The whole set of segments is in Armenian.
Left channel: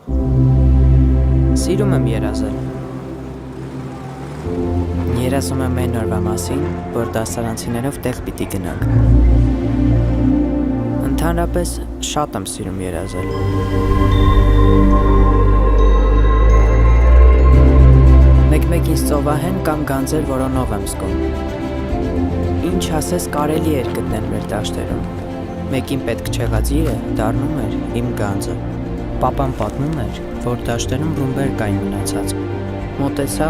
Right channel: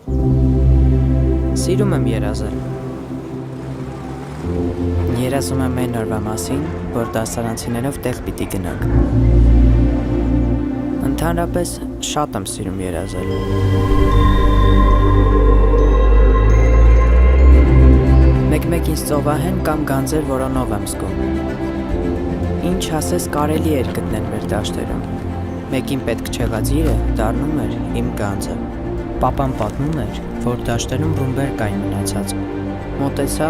Սիրում եմ երազել։ Երազում եմ այն օրվա մասին, որ դասարանցիներով տեղ պիտի գնանք։ Ընդհանրապես շատ եմ սիրում երազել։ Մեկ-մեկ ինձ ծովահեն կամ գանձեր որոնով եմ զգում։ Ինչ ասես կարելի էր գտնել մեր դաշտերում։ Մեկին պետք չեղած իրը դառնում էր իմ գանձը։ Պապան պատմում էր, որ դաշտերում ռումբեր կային մնացած։ Մոտեցա,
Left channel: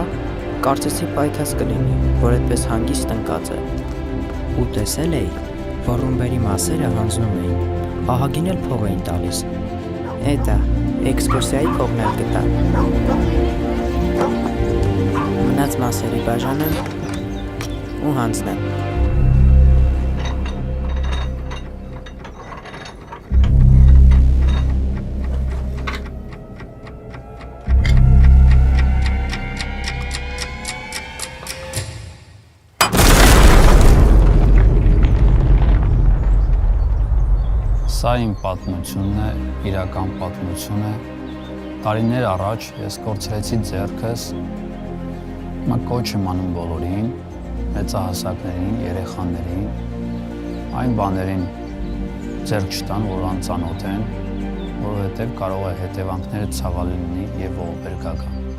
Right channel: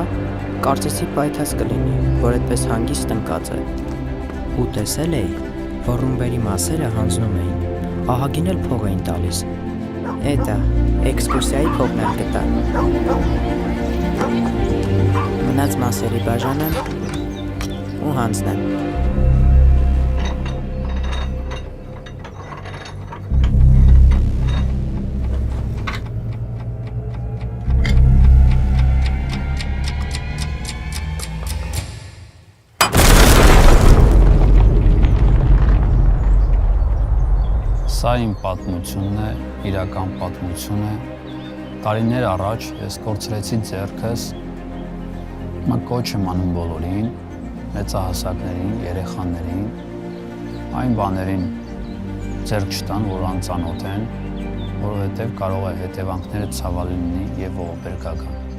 կարծեցի պայթած կլինի, որ այդպես հանգիստ ընկած է։ Ու տեսել էի, որ ռումբերի մասերը հանձնում էին, ահագին էլ փող էին տալիս։ Էտա, էքսկուրսիայի փողն էլ գտա։ Մնաց մասերի բաժանեմ ու հանձնեմ։ Սա իմ պատմությունն է, իրական պատմություն է։ Տարիներ առաջ ես կորցրեցի ձեռքս, հիմա կոչ եմ անում բոլորին, մեծահասակներին, երեխաներին, այն բաներին ձեռք չտան, որ անծանոթ են, որովհետև կարող է հետևանքները ցավալի լինի եւ ողբերգական։